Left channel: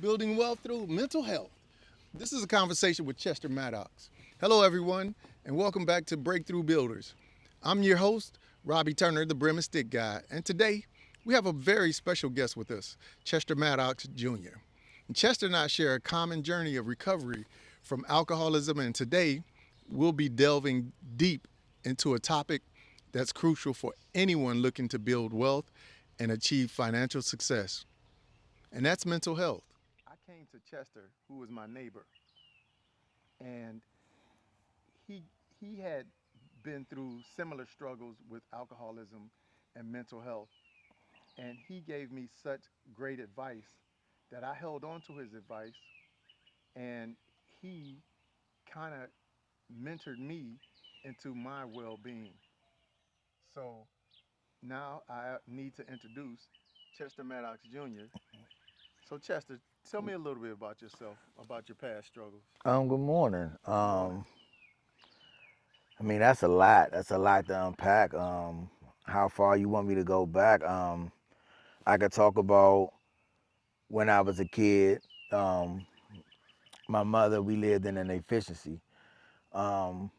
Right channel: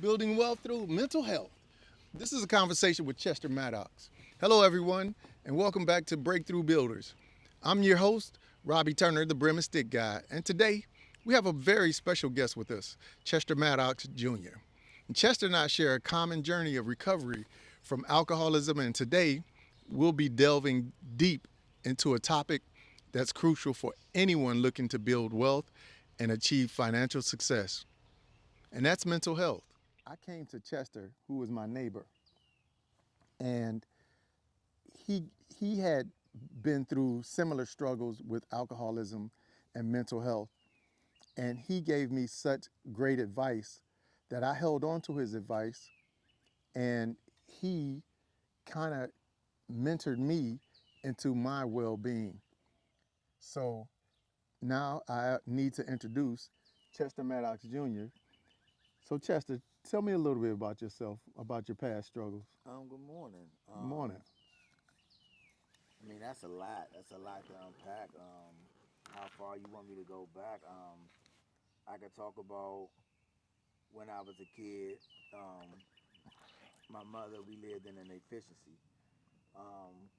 building wealth through mental health. This is a conversation with Chester Maddox. Hello, everyone, and welcome back to Breakthrough Builders. I'm your host, Robbie Turner, the Brim and Stick Guy, and today we have a very special guest with us, Chester Maddox Jr. And Chester and I share a common journey of recovery from alcoholism, and today we'll be delving deep into a topic that's crucial for anyone looking to build wealth and achieve financial success, and that's mental health. I came to Chester, who was my neighbor, and he he had been through similar struggles with alcoholism and mental health, and he gave me such great advice that I held on to his advice, and he kind of mentored me into my well-being. So now I need to introduce Chester Maddox Jr. So Chester, tell me a little bit about yourself, about your past struggles. Good morning. Good morning. I mean, that's a lot. That's a lot to unpack. How far you want me to go back? I could talk about when I was a kid. Um, my mother, we lived in an efficiency.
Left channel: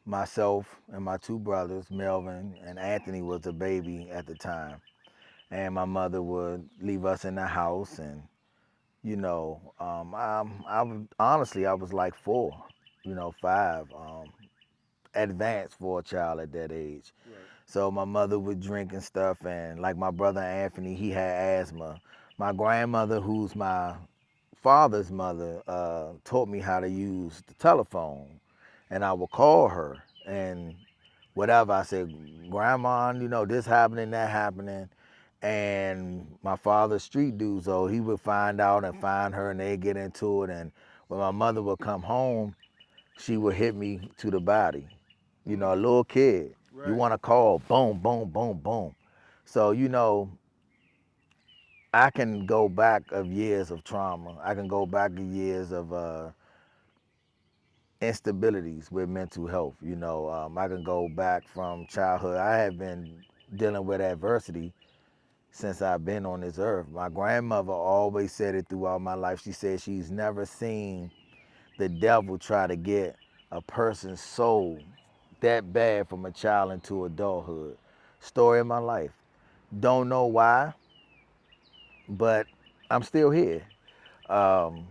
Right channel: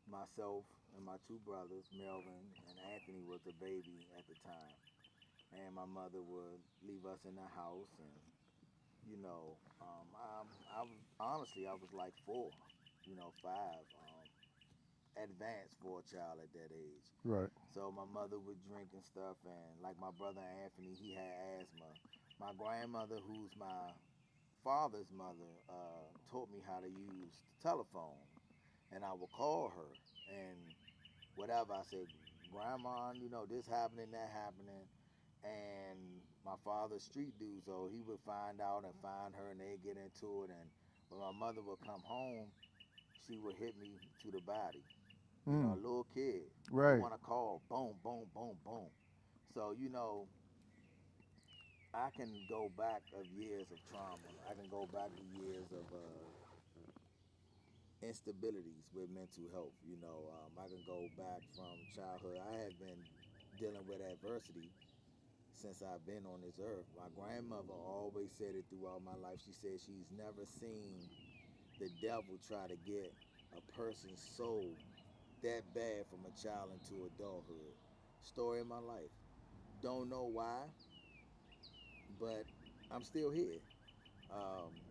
Myself and my two brothers, Melvin and Anthony, was a baby at the time, and my mother would leave us in the house, and I was honestly, I was like four, five. Advanced for a child at that age. Right. So my mother would drink and stuff, and like my brother Anthony, he had asthma. My grandmother, who's my father's mother, taught me how to use the telephone, and I would call her and whatever. I said, Grandma, this happening, that happening. And my father's street dude, so he would find out and find her, and they'd get into it. And when my mother would come home, she would hit me to the body. A Mm, little kid. You right. want to call, boom, boom, boom, boom. So, I can go back of years of trauma. I can go back to years of instabilities with mental health. I can go back from childhood. I have been dealing with adversity since I've been on this earth. My grandmother always said it throughout my life. She said she's never seen the devil try to get a person's soul that bad from a child into adulthood. Story of my life. Don't know why, but I'm still here. Um,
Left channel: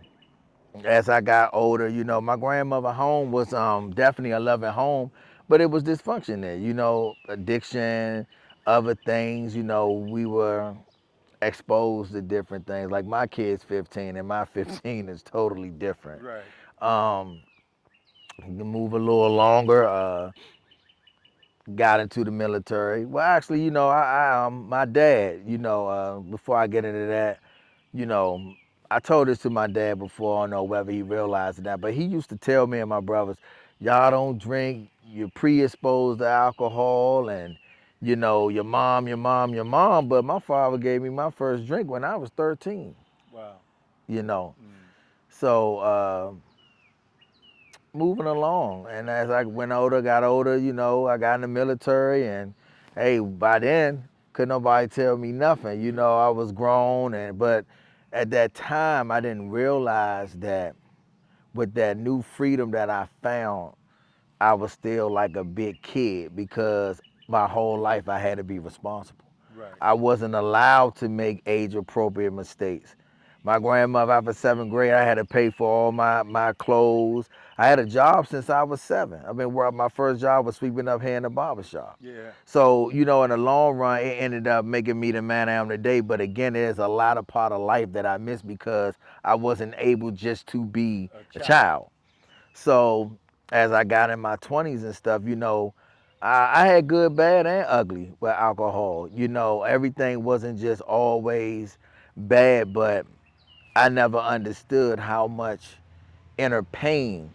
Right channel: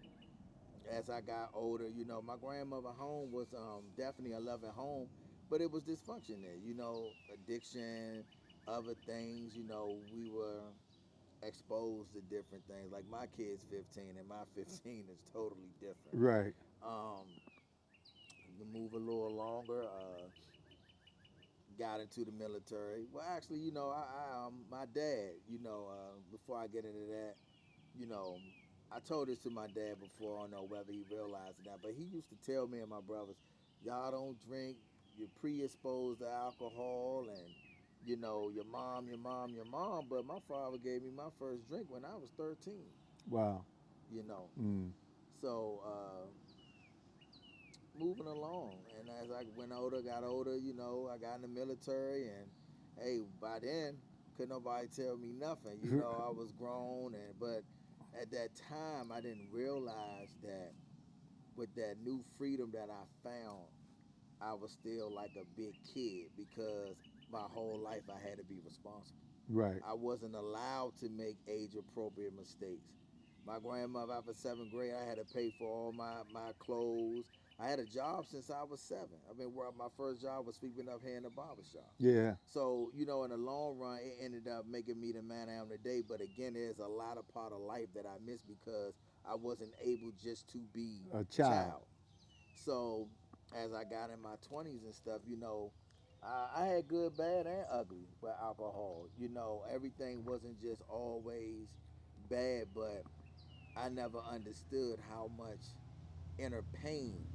as I got older, my grandmother home was definitely a loving home, but it was dysfunction there. Addiction, other things. We were exposed to different things. Like my kid's 15, and my 15 is totally different. Right. Um, move a little longer. Got into the military. Well, actually, my dad, before I get into that, you know, I told this to my dad before. I don't know whether he realized that, but he used to tell me and my brothers, y'all don't drink, you're predisposed to alcohol, and, your mom, your mom, your mom. But my father gave me my first drink when I was 13, Wow. you know. Mm, So, moving along. And as I went older, got older, I got in the military, and hey, by then, couldn't nobody tell me nothing. I was grown, but at that time, I didn't realize that with that new freedom that I found, I was still like a big kid because my whole life I had to be responsible. right. I wasn't allowed to make age appropriate mistakes. My grandmother, after seventh grade, I had to pay for all my clothes. I had a job since I was seven. I mean, where my first job was sweeping up here in the barber shop. Yeah. So, in the long run, it ended up making me the man I am today. But again, there's a lot of part of life that I missed because I wasn't able just to be A a child. child. So as I got in my 20s and stuff, I had good, bad, and ugly with alcohol. Everything wasn't just always bad, but I never understood how much inner pain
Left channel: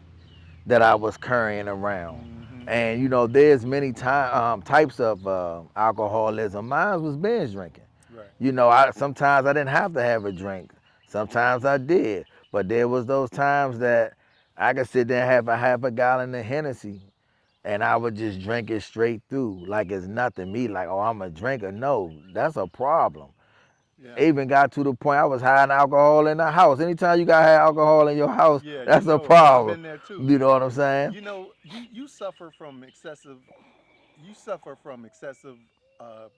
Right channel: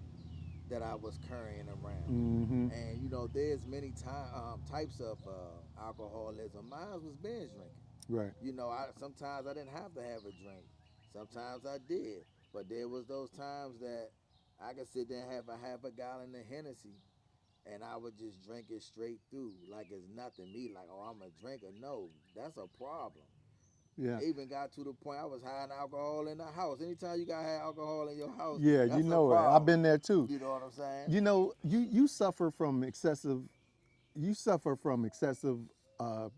that I was carrying around. Mm-hmm. And there's many types of alcoholism. Mine was binge drinking. Right. I sometimes I didn't have to have a drink. Sometimes I did, but there was those times that I could sit there and have a half a gallon of Hennessy, and I would just drink it straight through like it's nothing. Me like, oh, I'm a drinker. No, that's a problem. Yeah. It even got to the point I was hiding alcohol in the house. Anytime you got to have alcohol in your house, Yeah, you that's a know it. I've problem. been there too. You know what I'm saying? You know, you suffer from excessive. You suffer from excessive uh,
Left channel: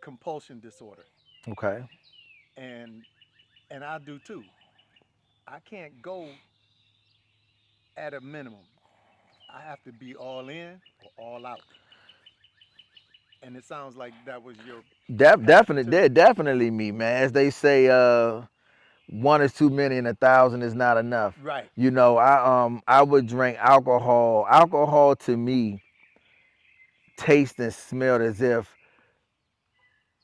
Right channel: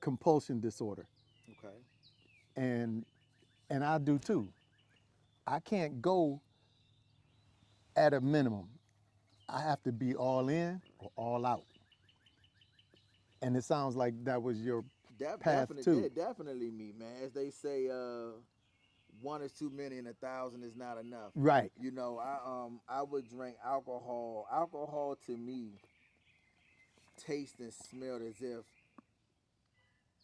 compulsion disorder, Okay. and I do too. I can't go at a minimum. I have to be all in or all out. And it sounds like that was your path Definitely, too. they're definitely me, man. As they say, one is too many and 1,000 is not enough. Right. You know, I would drink alcohol. Alcohol to me tastes and smelled as if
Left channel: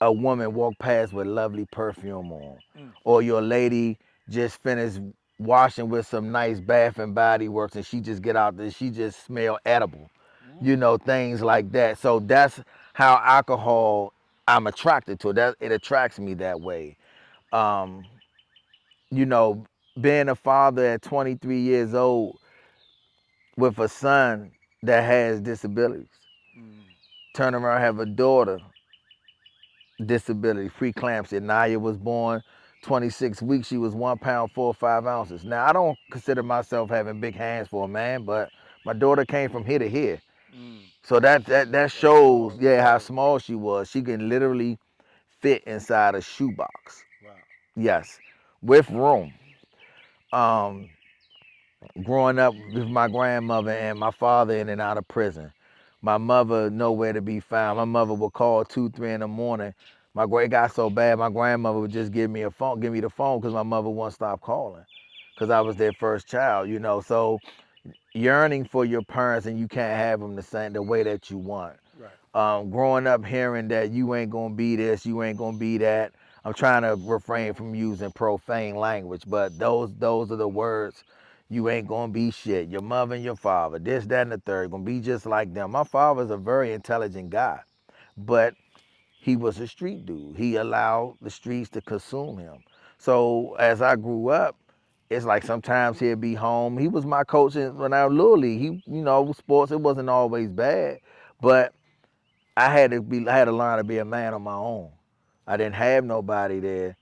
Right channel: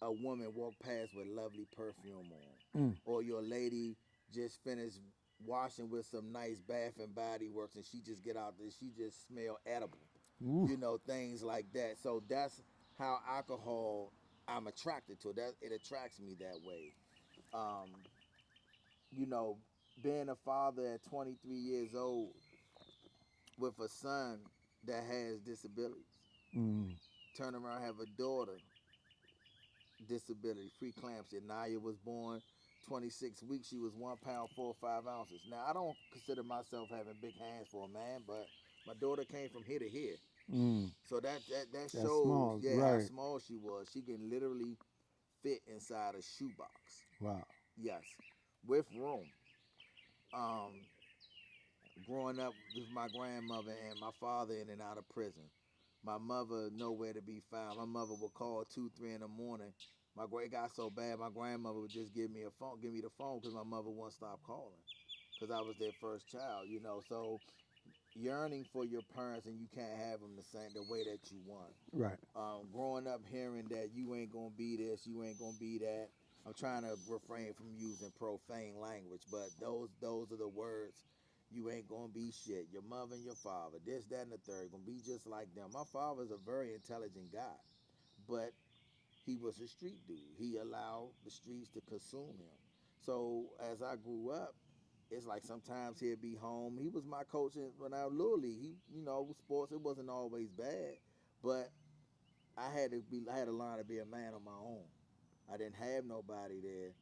a woman walked past with lovely perfume on, Mm. or your lady just finished washing with some nice Bath and Body Works, and she just get out there, she just smell edible, Oof. you know, things like that. So that's how alcohol I'm attracted to. That it attracts me that way. Um, you know, being a father at 23 years old with a son that has disabilities, Mm. turn around have a daughter disability, preeclampsia. Naya was born 26 weeks. She was 1 pound 4 or 5 ounces. Now I don't consider myself having big hands for a man, but my daughter came from here to here. Mm. So that That's shows, small. yeah, how Right. small she was. She can literally fit inside a shoebox. Wow. Yes, with room. Um, growing up with my grandmother and my father in and out of prison. My mother nowhere to be found. My mother would call 2, 3 in the morning. It got so bad. My grandmother would just give me the phone because my mother wouldn't stop calling, because I was their first child. You know, so yearning for your parents and you can't have them the way that you want. Right. Growing up hearing that you ain't gonna be this, you ain't gonna be that. I'm trying to refrain from using profane language, but those are the words. You ain't gonna be shit. Your mother and your father, this, that, and the third, gonna be just like them. My father's a very intelligent guy, but he was a street dude. He allowed the streets to consume him. So as I grew up, it's like sometimes he'd be home. He was my coach when I was little league. He, sports. It wasn't always bad, but I had to learn to be a man on my own. I didn't have nobody there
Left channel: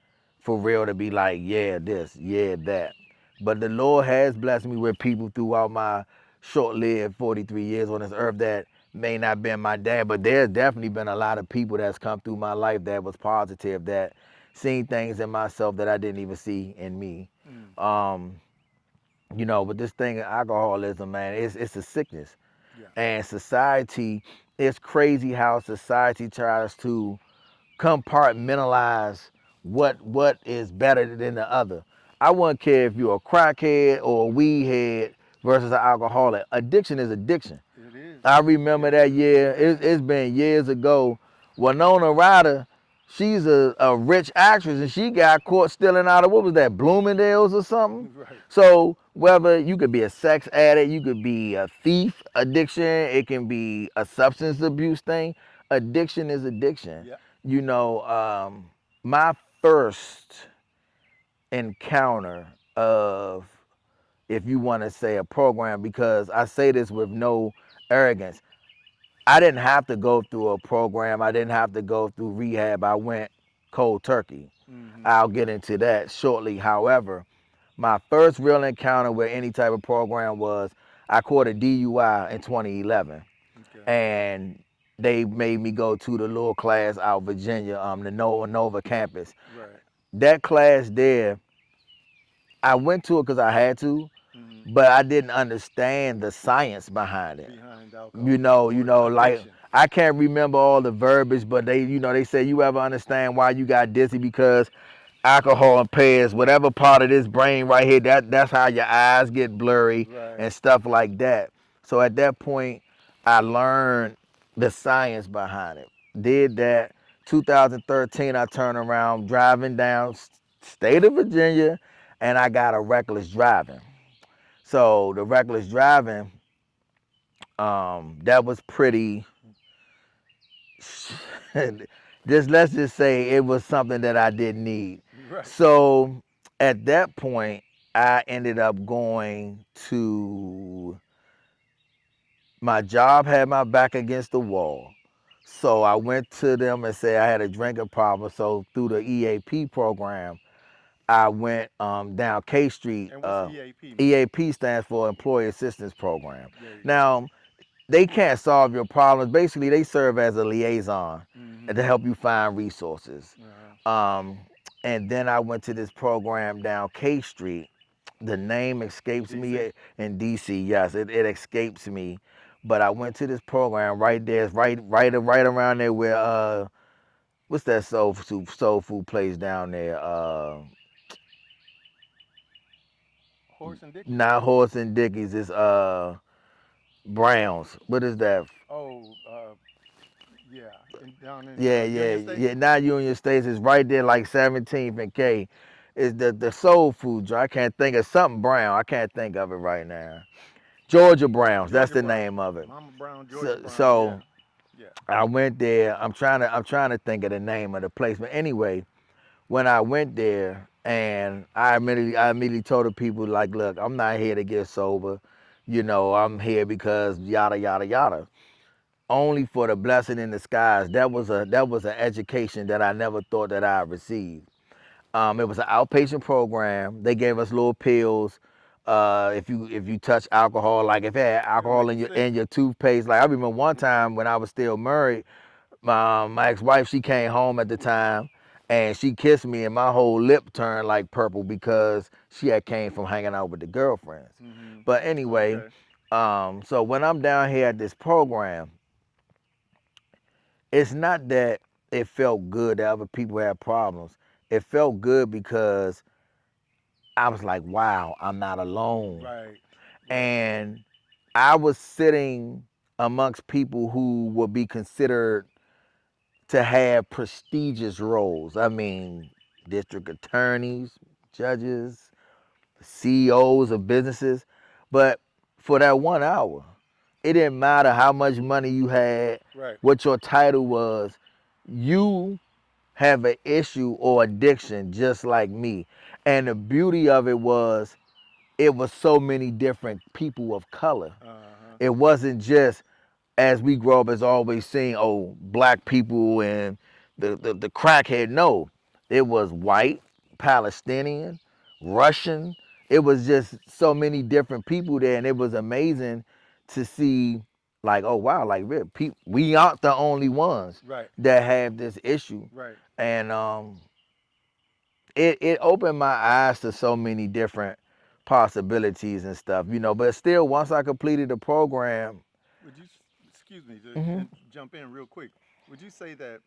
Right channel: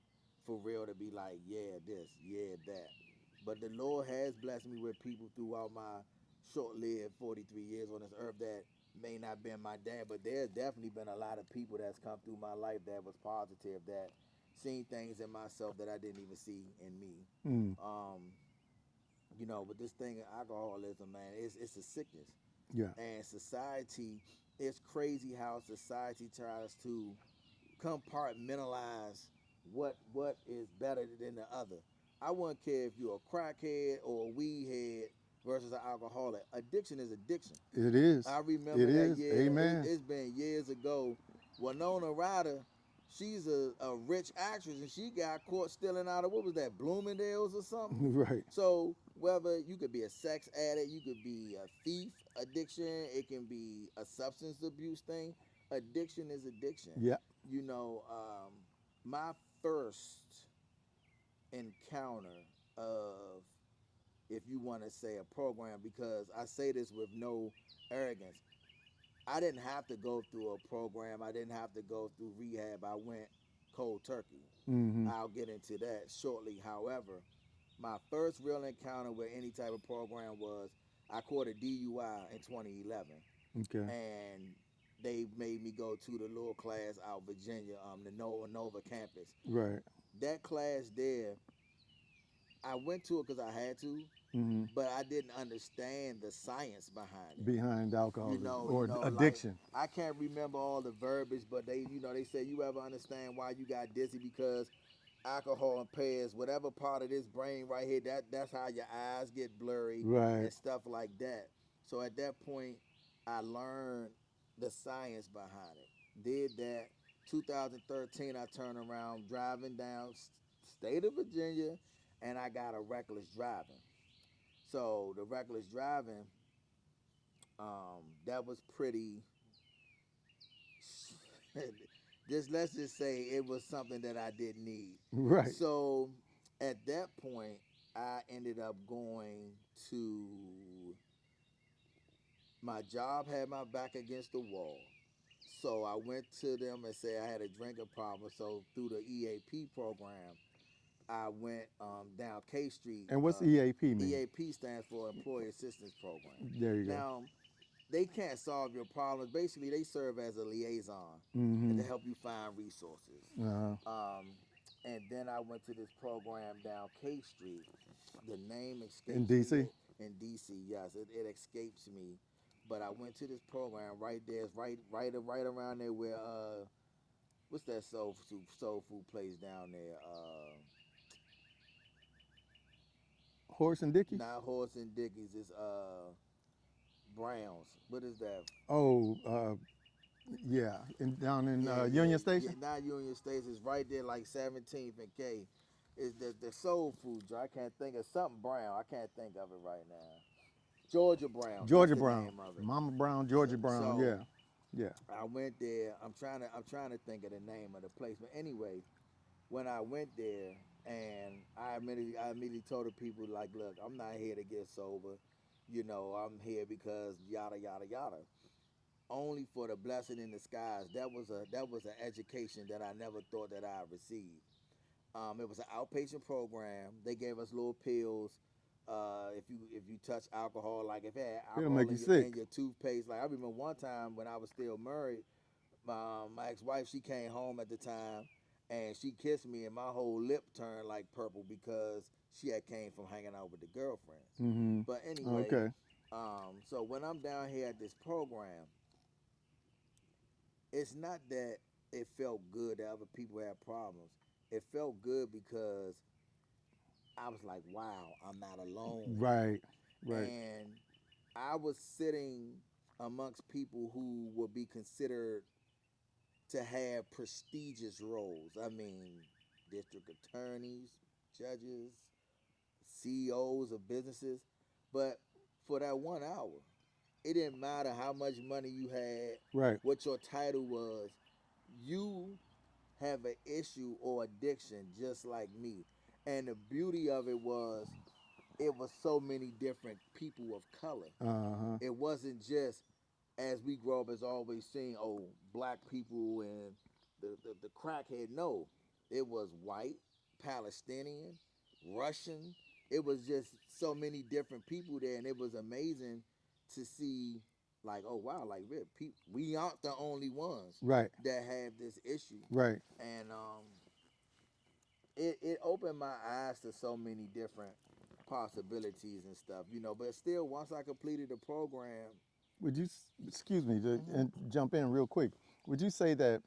for real to be like, yeah, this, yeah, that. But the Lord has blessed me with people throughout my short-lived 43 years on this earth that may not been my dad, but there's definitely been a lot of people that's come through my life that was positive, that seen things in myself that I didn't even see in me. Mm. Um, but this thing of alcoholism, man, it's a sickness. Yeah. And society, it's crazy how society tries to compartmentalize what is better than the other. I wouldn't care if you're a crackhead or a weed head versus an alcoholic. Addiction is addiction. It is. I remember It that is. year. Amen. It's been years ago. Winona Ryder, she's a rich actress, and she got caught stealing out of, what was that, Bloomingdale's or something. Right. So whether you could be a sex addict, you could be a thief, addiction, it can be a substance abuse thing. Addiction is addiction. Yeah. You know, my first encounter of, if you want to say, a program, because I say this with no arrogance, I didn't have to go through a program. I didn't have to go through rehab. I went cold turkey. Mm-hmm. I'll get into that shortly. However, my first real encounter with any type of program was I caught a DUI in 2011, Okay. and they made me go to the little class out Virginia, the Nova campus. Right. That class there, I went to it because I had to, Mm-hmm. but I didn't understand the science behind it. Behind you alcohol know, you or know, like addiction. I can't remember all the verbiage, but they say you ever understand why you got dizzy, because alcohol impairs whatever part of this brain right here. That's how your eyes get blurry Right. and stuff like that. So at that point, I learned the science behind it. Did that. 2013, I turned around driving down state of Virginia, and I got a reckless driving. So the reckless driving, that was pretty. Just let's just say it was something that I didn't need. Right. So at that point, I ended up going to, my job had my back against the wall. So I went to them and said I had a drinking problem. So through the EAP program, I went down K Street. And what's EAP mean? EAP stands for Employee Assistance Program. There you go. Now, they can't solve your problems. Basically, they serve as a liaison and to Mm-hmm. help you find resources. Uh-huh. Um, and then I went to this program down K Street. The name In escapes me DC? in DC. Yes, it escapes me. But I went to this program right there, it's right around there where what's that soul food place down there? Horse and Dickey? Not Horse and Dickies. It's Browns. What is that? Oh, yeah. Down in Yeah, yeah, Union yeah. Station? Not Union States. It's right there, like 17th and K. It's the soul food joint. I can't think of something Brown. I can't think of it right now. Georgia Browns. That's Georgia the Brown. name of it. Mama Brown, Georgia So, Brown. so Yeah. Yeah. I went there. I'm trying to think of the name of the place. But anyway, when I went there, and I immediately told the people like, look, I'm not here to get sober. I'm here because yada yada yada. Only for the blessing in disguise. That was an education that I never thought that I'd receive. It was an outpatient program. They gave us little pills. If you touch alcohol, like if you had It'll alcohol make in you your sick. in your toothpaste, like I remember one time when I was still married, my ex-wife, she came home at the time, and she kissed me, and my whole lip turned like purple because she had came from hanging out with the girlfriends. Mm-hmm. But anyway, Okay. so when I'm down here at this program, it's not that it felt good that other people had problems. It felt good because I was like, wow, I'm not alone. Right. Right. And I was sitting amongst people who would be considered to have prestigious roles. I mean, district attorneys, judges, CEOs of businesses. But for that 1 hour, it didn't matter how much money you had, Right. what your title was. You have an issue or addiction just like me. And the beauty of it was so many different people of color. Uh-huh. It wasn't just as we grow up as always seeing, oh, black people and the crackhead. No, it was white, Palestinian, Russian. It was just so many different people there, and it was amazing to see, like, oh wow, like we aren't the only ones Right. that have this issue, Right. and it opened my eyes to so many different possibilities and stuff, But still, once I completed the program, Would you, excuse me, to hmm jump in real quick? Would you say that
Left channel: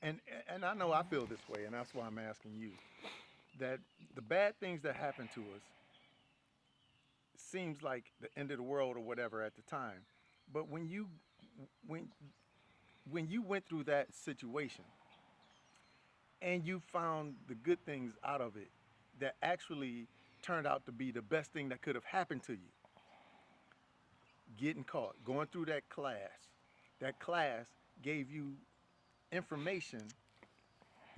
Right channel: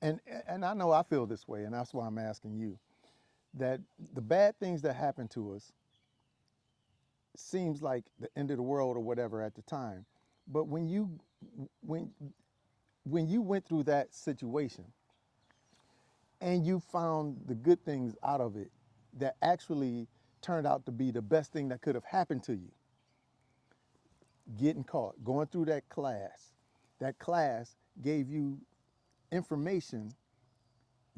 and and I know I feel this way, and that's why I'm asking you, that the bad things that happen to us seems like the end of the world or whatever at the time, but when when you went through that situation and you found the good things out of it that actually turned out to be the best thing that could have happened to you, getting caught, going through that class gave you information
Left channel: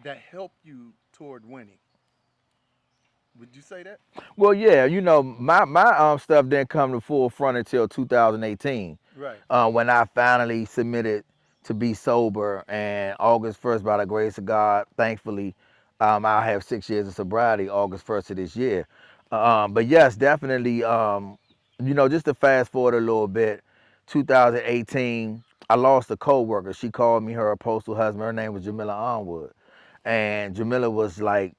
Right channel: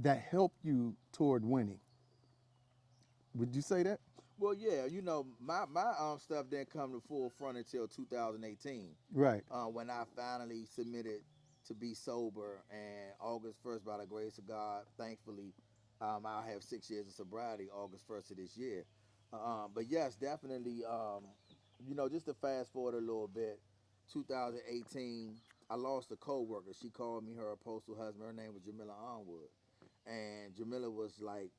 that helped you toward winning. Would you say that? well, yeah, my stuff didn't come to full front until 2018, Right. when I finally submitted to be sober. And August 1st, by the grace of God, thankfully, I'll have 6 years of sobriety August 1st of this year. But yes, definitely, just to fast forward a little bit, 2018, I lost a coworker. She called me her postal husband. Her name was Jamila Onwood. And Jamila was like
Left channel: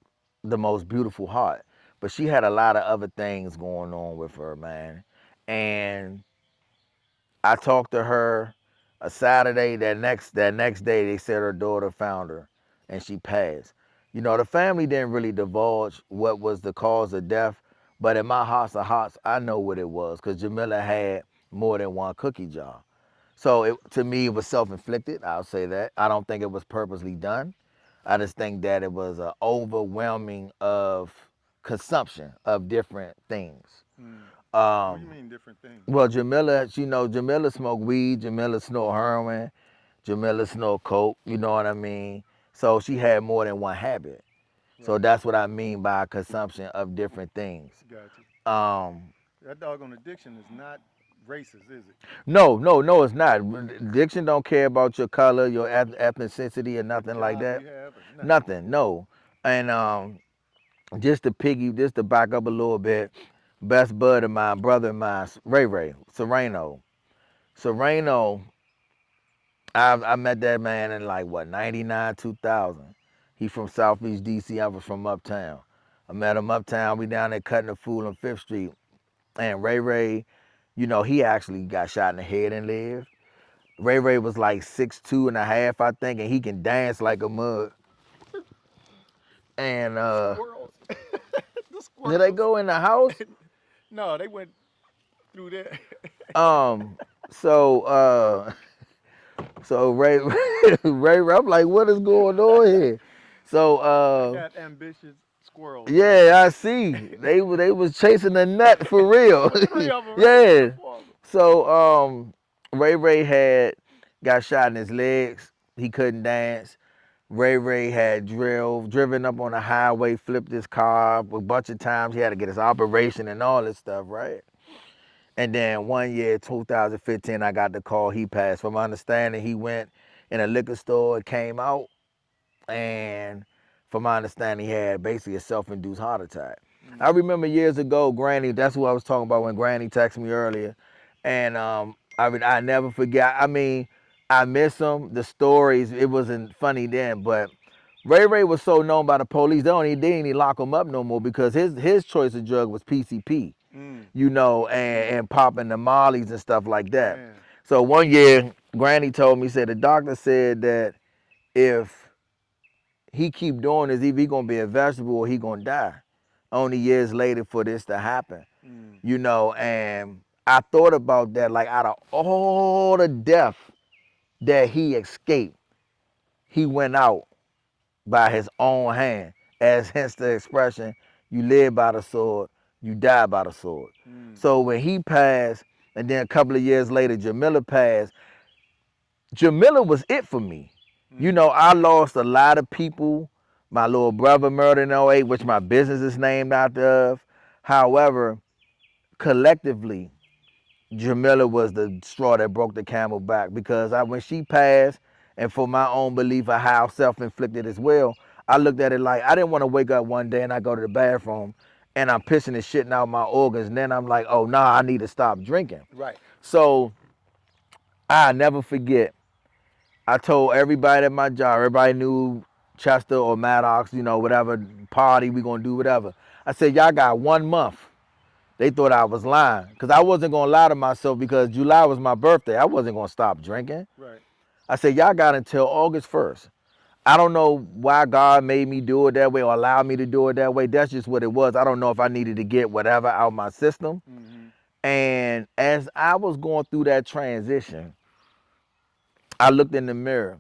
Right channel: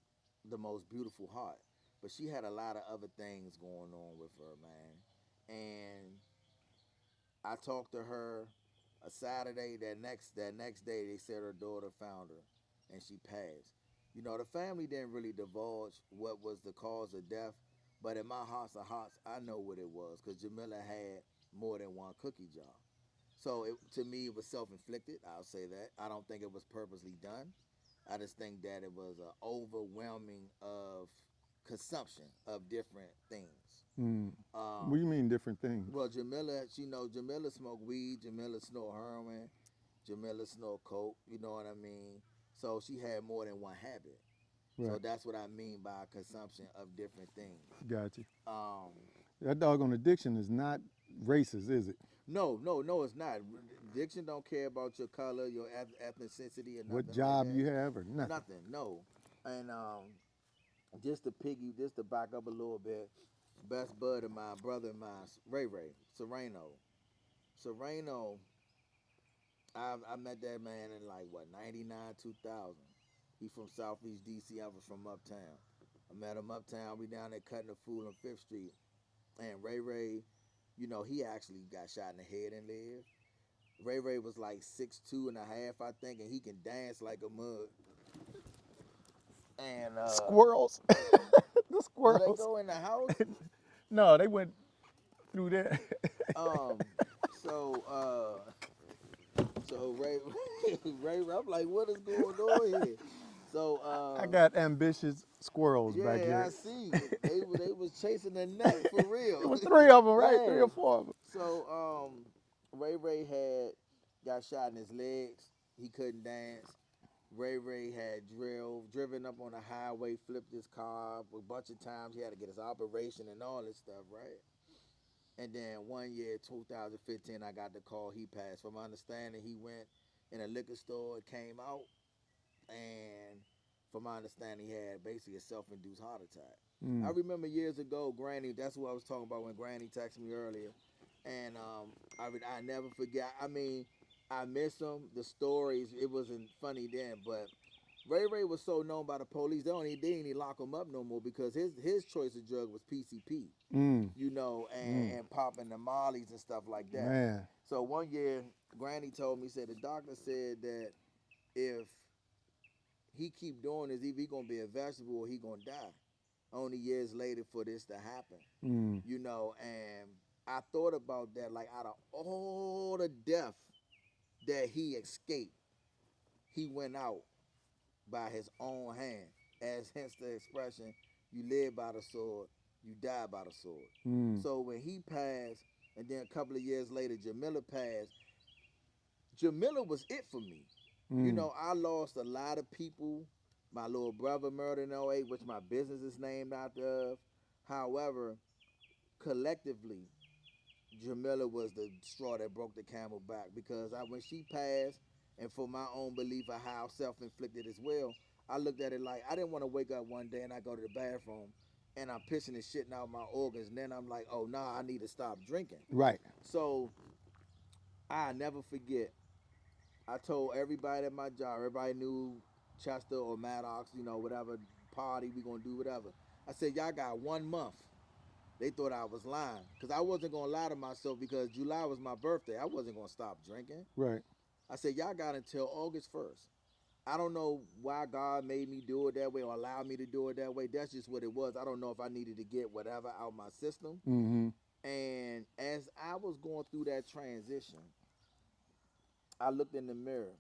the most beautiful heart. But she had a lot of other things going on with her, man. And I talked to her a Saturday. That next day, they said her daughter found her, and she passed. The family didn't really divulge what was the cause of death, but in my hearts of hearts, I know what it was because Jamila had more than one cookie jar. So to me, it was self-inflicted. I'll say that. I don't think it was purposely done. I just think that it was an overwhelming of consumption of different things. Hmm. What do Um, you mean different things? well, Jamila smoked weed, Jamila snort heroin, Jamila snort coke, you know what I mean? So she had more than one habit. So Right. that's what I mean by consumption of different things. Got you. Um, That doggone addiction is not. racist, is it? No, it's not. Addiction don't care about your color, your ethnicity, or What nothing like job that. you have or nothing? Nothing, no. And just to back up a little bit, best bud of mine, brother of mine, Ray Serrano. Serrano, I met that man in like what 99, 2000. He from Southeast DC. I was from Uptown. I met him uptown. We down there cutting the fool on Fifth Street. And Ray, he actually got shot in the head and lived. Ray was like 6'2" and a half, I think, and he can dance like a mug. And Squirrels. The did they squirrels. go in the house? No, they went through there. Um, so so I'm like, what is going on here? So I got ambitious squirrels back yeah, there. I see. They was chasing the nut for real. It was three of them, right? Three or Yeah. four of them. So Ray had got shot in his legs. He couldn't dance. Ray had driven up on the highway, flipped his car a bunch of times. He had to get his operation and all this stuff, right? And then one year, 2015, I got the call he passed. From my understanding, he went in a liquor store, came out, and from my understanding, he had basically a self-induced heart attack. I Mm. remember years ago, Granny. That's who I was talking about when Granny texted me earlier, and I never forget. I mean, I miss him. The stories, it wasn't funny then, but Ray was so known by the police, they didn't even lock him up no more because his choice of drug was PCP, Mm. Mm. and popping the mollies and stuff like that. Man. So one year, Granny told me, said the doctor said that if he keep doing this, either he gonna be a vegetable or he gonna die. Only years later for this to happen, Mm. and I thought about that. Like out of all the death that he escaped, he went out by his own hand, as hence the expression, "You live by the sword, you die by the sword." Mm. So when he passed, and then a couple of years later, Jamila passed. Jamila was it for me. Mm. I lost a lot of people. My little brother murdered in '08, which my business is named after of. However, collectively, Jamila was the straw that broke the camel back because when she passed, and for my own belief of how self-inflicted as well, I looked at it like I didn't want to wake up one day and I go to the bathroom and I'm pissing and shitting out my organs, and then I'm like, oh nah, I need to stop drinking. Right. So I never forget. I told everybody at my job, everybody knew Chester or Maddox, whatever party we gonna do, whatever. I said, y'all got 1 month. They thought I was lying because I wasn't gonna lie to myself because July was my birthday. I wasn't gonna stop drinking. Right. I said, y'all got until August 1st. I don't know why God made me do it that way or allowed me to do it that way. That's just what it was. I don't know if I needed to get whatever out my system. Mm-hmm. And as I was going through that transition, I looked in the mirror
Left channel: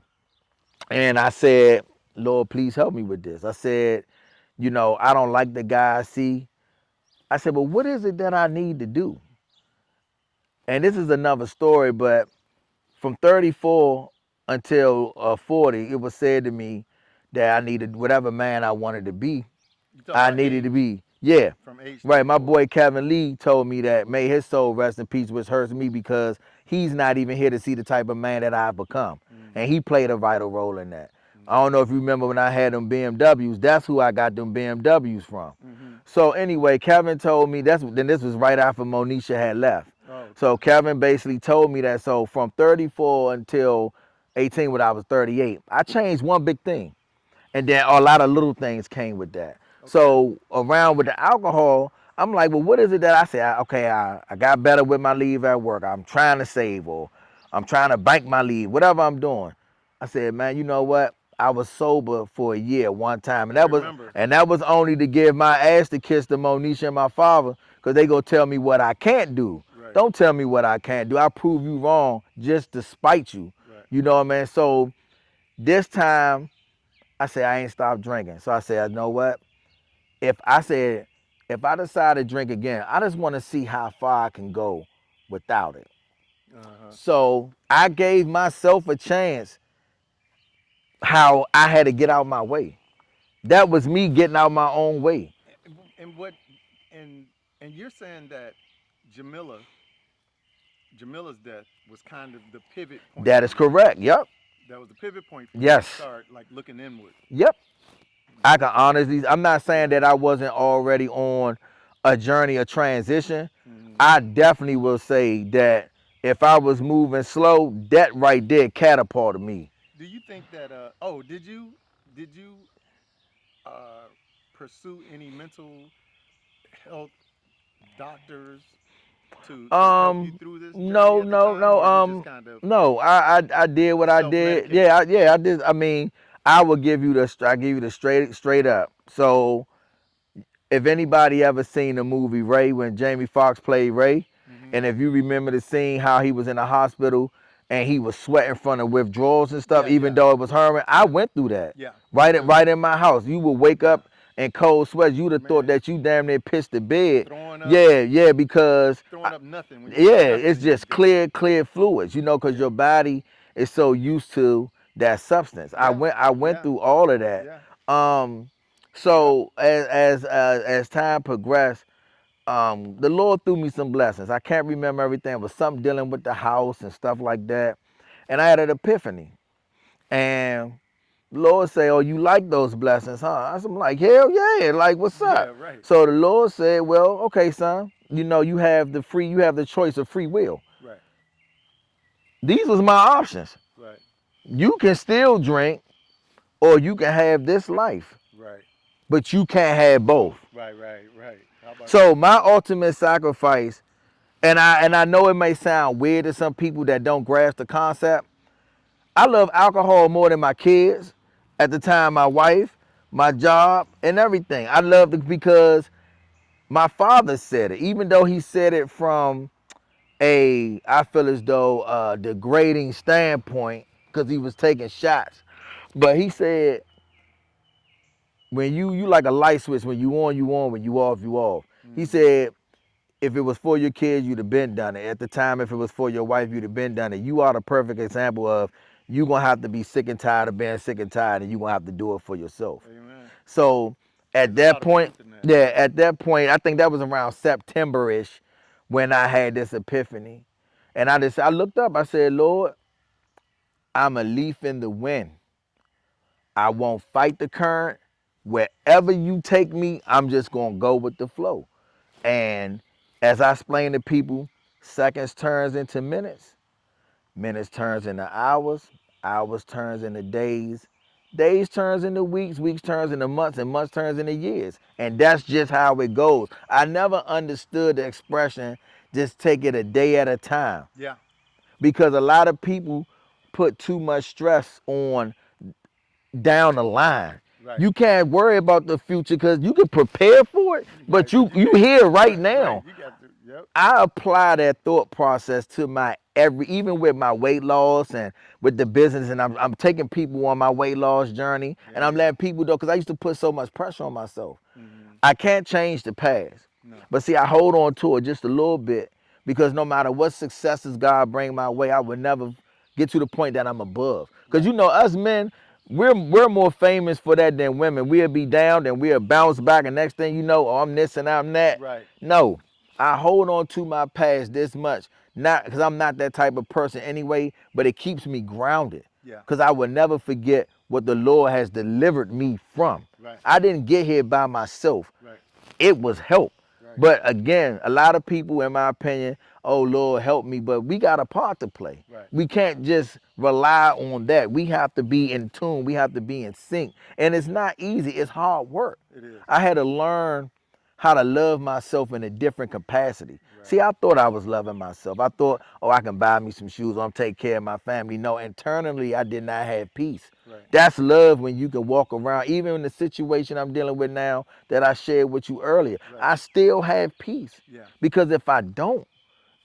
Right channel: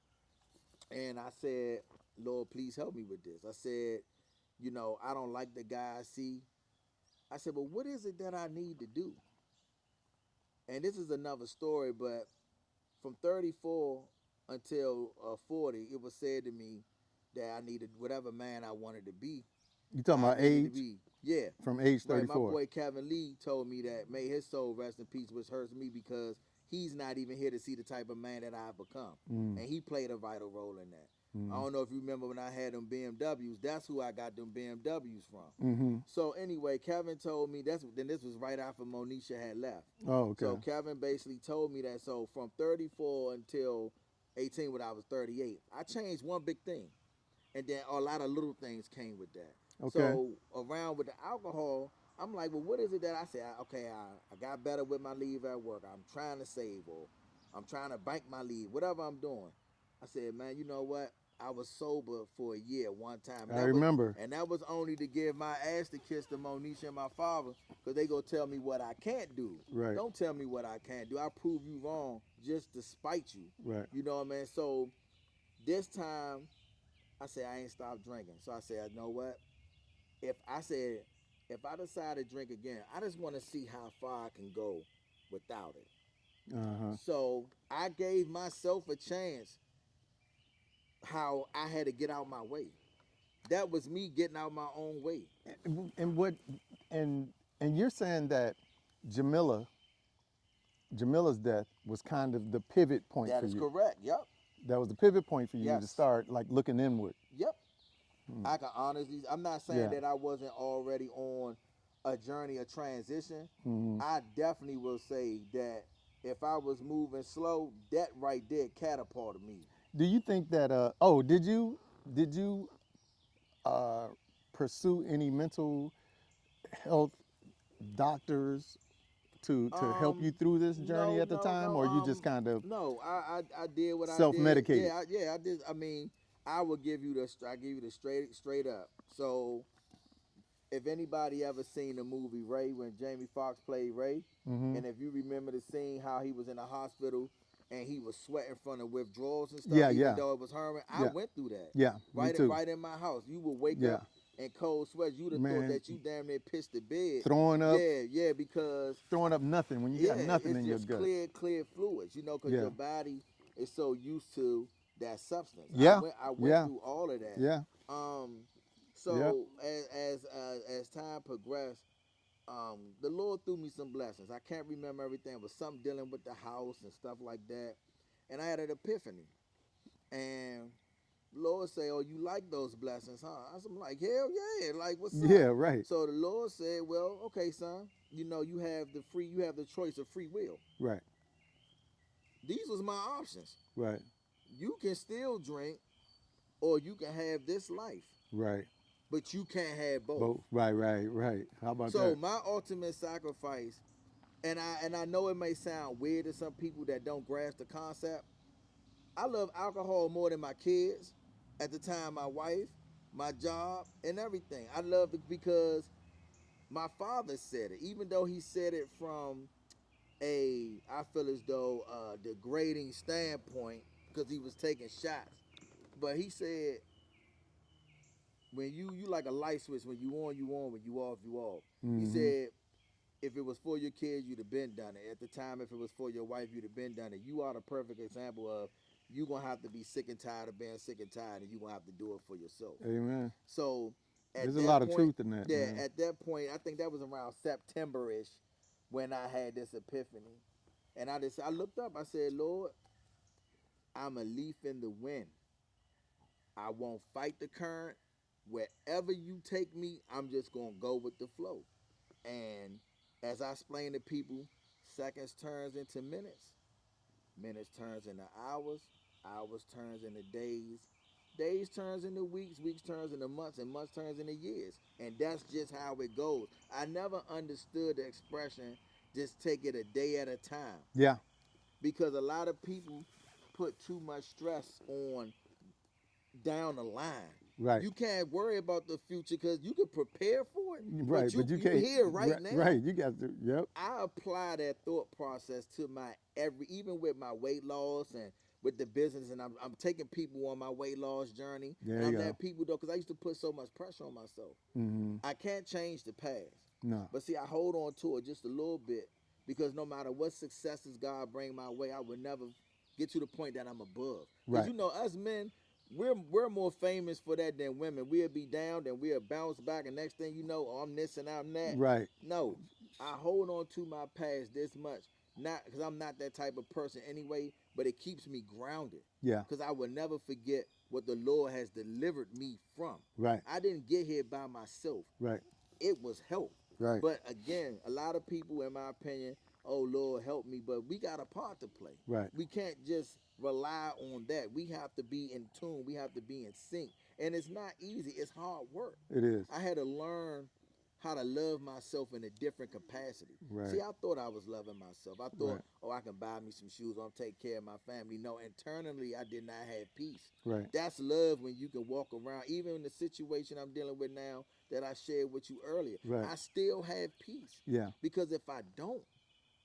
and I said, Lord, please help me with this. I said, I don't like the guy I see. I said, but what is it that I need to do? And this is another story, but from 34 until 40, it was said to me that I needed whatever man I wanted to be. You talking I about needed to age be, yeah. from age Right, my 34? boy Kevin Lee told me that, may his soul rest in peace, which hurts me because he's not even here to see the type of man that I've become. Mm. And he played a vital role in that. I Mm. don't know if you remember when I had them BMWs, that's who I got them BMWs from. Mm-hmm. So anyway, Kevin told me, then this was right after Monisha had left. Oh, okay. So Kevin basically told me that, so from 34 until 18 when I was 38, I changed one big thing. And then a lot of little things came with that. Okay. So around with the alcohol, I'm like, well, what is it that I say? Okay, I got better with my leave at work. I'm trying to save, or I'm trying to bank my leave, whatever I'm doing. I said, man, you know what? I was sober for a year one time, and I that was remember. and that was only to give my ass to kiss to Monisha and my father, because they gonna tell me what I can't do. Right. Don't tell me what I can't do. I prove you wrong just to spite you. Right. You know what I mean? So this time I said I ain't stopped drinking. So I said, you know what? If I decide to drink again, I just want to see how far I can go without it. Uh-huh. So I gave myself a chance how I had to get out my way. That was me getting out my own way. And what and you're saying that Jamila Jamila's death was kind of the pivot point That for is you. correct. Yep. That was the pivot point for you to Yes. start like looking inward. Yep. I can honestly, I'm not saying Yeah. that I wasn't already on a journey of transition. Hmm. I definitely will say that if I was moving slow, that right there catapulted me. Do you think that oh, did you uh pursue any mental health doctors to help you Um, through this journey no, at the no, time, no. or you just kind of No. I did what I did. self-medicate? Yeah, yeah. I did. I mean, I will give you the. I give you the straight up. So if anybody ever seen the movie Ray when Jamie Foxx played Ray, Hmm. and if you remember the scene how he was in the hospital and he was sweating from the withdrawals and stuff, Yeah, even yeah, though it was Herman, I yeah, went through that. yeah. Me Right in too. right in my house. You would wake Yeah, up in cold sweats. You'd have thought man, that you damn near pissed the bed. throwing up, Yeah, yeah, because throwing up nothing when you yeah, got nothing it's in your just gut. clear fluids, because Yeah, your body is so used to that substance. I yeah, went yeah, through all of that. yeah, Um, yeah, so as time progressed, the Lord threw me some blessings. I can't remember everything. It was something dealing with the house and stuff like that, and I had an epiphany. And the Lord say, "Oh, you like those blessings, huh?" I'm like, "Hell yeah! Like, what's yeah. up?" Right, So the Lord said, "Well, okay, son. You have the choice of free will. right, These was my options. right, You can still drink, or you can have this life, right. but you can't have both." Both. Right, right, right. How about So that? my ultimate sacrifice, and I know it may sound weird to some people that don't grasp the concept. I love alcohol more than my kids, at the time my wife, my job, and everything. I love it because my father said it, even though he said it from I feel as though degrading standpoint because he was taking shots. But he said, when you like a light switch, when you on, when you off, you off. He Hmm. said, if it was for your kids, you'd have been done it. At the time, if it was for your wife, you'd have been done it. You are the perfect example of you gonna have to be sick and tired of being sick and tired, and you gonna have to do it for yourself. Amen. So at There's a that lot of point, truth in that. yeah, Yeah. at that point, I think that was around September-ish when I had this epiphany. And I looked up, I said, Lord, I'm a leaf in the wind. I won't fight the current. Wherever you take me, I'm just gonna go with the flow. And as I explain to people, seconds turns into minutes, minutes turns into hours, hours turns into days, days turns into weeks, weeks turns into months, and months turns into years. And that's just how it goes. I never understood the expression, just take it a day at a time. Yeah. Because a lot of people put too much stress on down the line. Right. You can't worry about the future because you can prepare for it, but Right. But you you can't. here right Right. Right. now. You got to. Yep. I apply that thought process to my even with my weight loss and with the business, and I'm taking people on my weight loss journey, There and you I'm go. letting people know because I used to put so much pressure on myself. Hmm. I can't change the past, No. but see, I hold on to it just a little bit because no matter what successes God bring my way, I would never get to the point that I'm above. Because Right. us men, we're more famous for that than women. We'll be down, then we'll bounce back, and next thing you know, oh, I'm this and I'm that. Right. No, I hold on to my past this much, not because I'm not that type of person anyway, but it keeps me grounded. Yeah. Because I will never forget what the Lord has delivered me from. Right. I didn't get here by myself. Right. It was help. Right. But again, a lot of people, in my opinion, oh Lord, help me. But we got a part to play. Right. We can't just rely on that. We have to be in tune. We have to be in sync. And it's not easy. It's hard work. It is. I had to learn how to love myself in a different capacity. Right. See, I thought I was loving myself. I Right. thought, oh, I can buy me some shoes, or I'm taking care of my family. No, internally, I did not have peace. Right. That's love when you can walk around, even in the situation I'm dealing with now that I shared with you earlier. Right. I still have peace Yeah. because if I don't,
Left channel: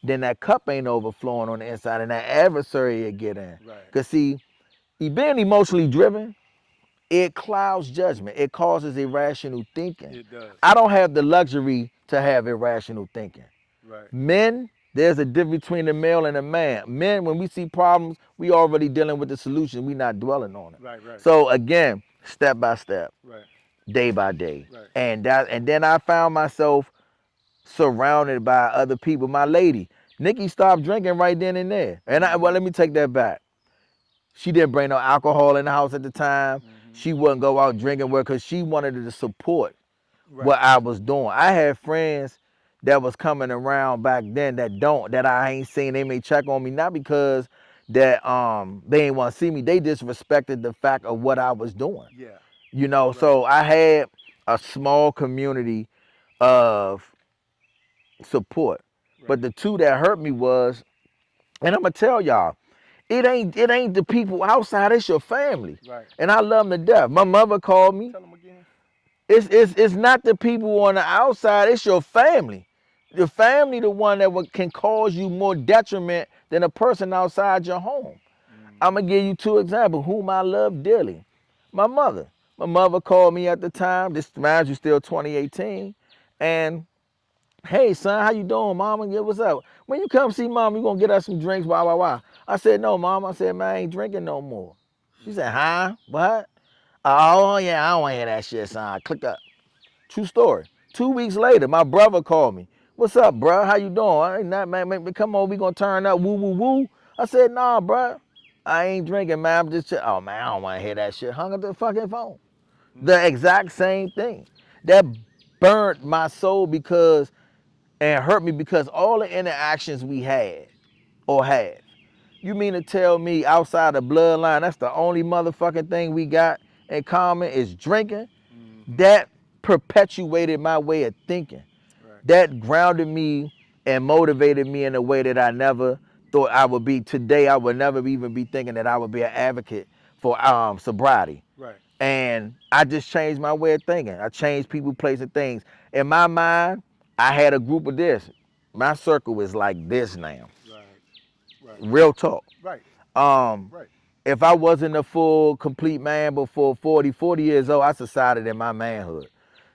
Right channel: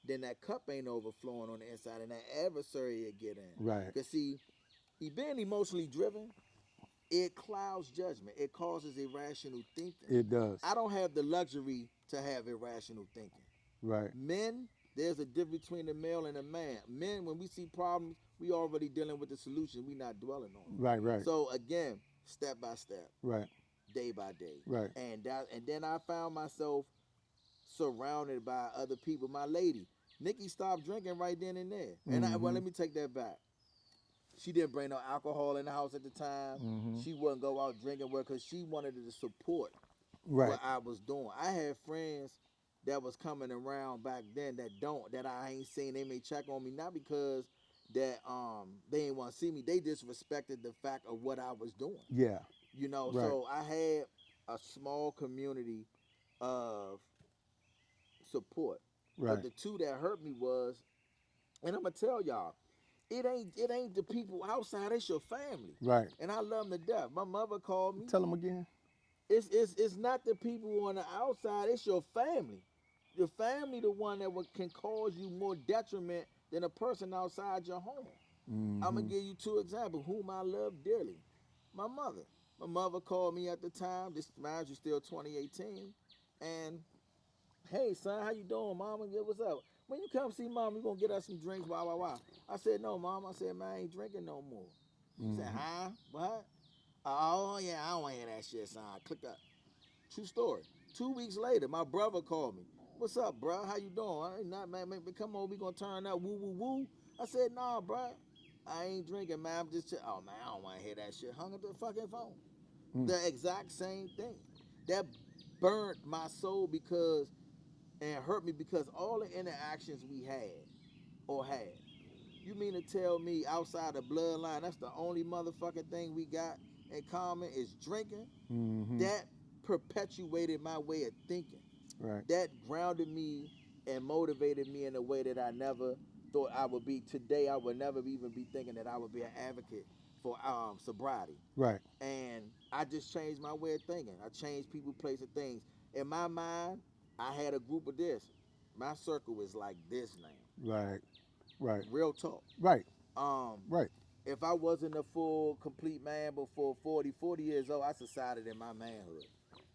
then that cup ain't overflowing on the inside and that adversary will get in. Right. Because, see, being emotionally driven, it clouds judgment. It causes irrational thinking. It does. I don't have the luxury to have irrational thinking. Right. Men, there's a difference between a male and a man. Men, when we see problems, we already dealing with the solution. We not dwelling on it. Right. Right. So again, step by step, Right. day by day. Right. And then I found myself surrounded by other people. My lady, Nikki stopped drinking right then and there. And well, Mm-hmm. let me take that back. She didn't bring no alcohol in the house at the time. Mm-hmm. She wouldn't go out drinking with her because she wanted to support Right. what I was doing. I had friends that was coming around back then that I ain't seen. They may check on me not because that they ain't want to see me. They just respected the fact of what I was doing. Yeah. You know, Right. so I had a small community of support. But Right. the two that hurt me was, and I'm gonna tell y'all, it ain't the people outside, it's your family. Right. And I love them to death. My mother called me. Tell them again. It's not the people on the outside, it's your family. Your family the one that can cause you more detriment than a person outside your home. I'm Mm-hmm. gonna give you two examples whom I love dearly. My mother. My mother called me at the time. This mind you still 2018. And hey son, how you doing, mama? Yeah, what's up? When you come see mom, you gonna get us some drinks, blah, blah, blah. I said, no, mom. I said, man, I ain't drinking no more. She said, Mm-hmm. huh? What? Oh yeah, I don't wanna hear that shit, son. Click up. True story. 2 weeks later, my brother called me. What's up, bro? How you doing? I ain't not, man. Come on, we gonna turn up. Woo, woo, woo. I said, nah, bro. I ain't drinking, man. I'm just oh man, I don't want to hear that shit. Hung up the fucking phone. Mm-hmm. The exact same thing. That burnt my soul because and hurt me because all the interactions we had or have. You mean to tell me outside the bloodline, that's the only motherfucking thing we got in common is drinking? Mm-hmm. That perpetuated my way of thinking. Right. That grounded me and motivated me in a way that I never thought I would be. Today, I would never even be thinking that I would be an advocate for sobriety. Right. And I just changed my way of thinking. I changed people, places, things. In my mind, I had a group of this. My circle is like this now. Right. Right. Real talk. Right. Um, Right. if I wasn't a full, complete man before 40 years old, I decided in my manhood.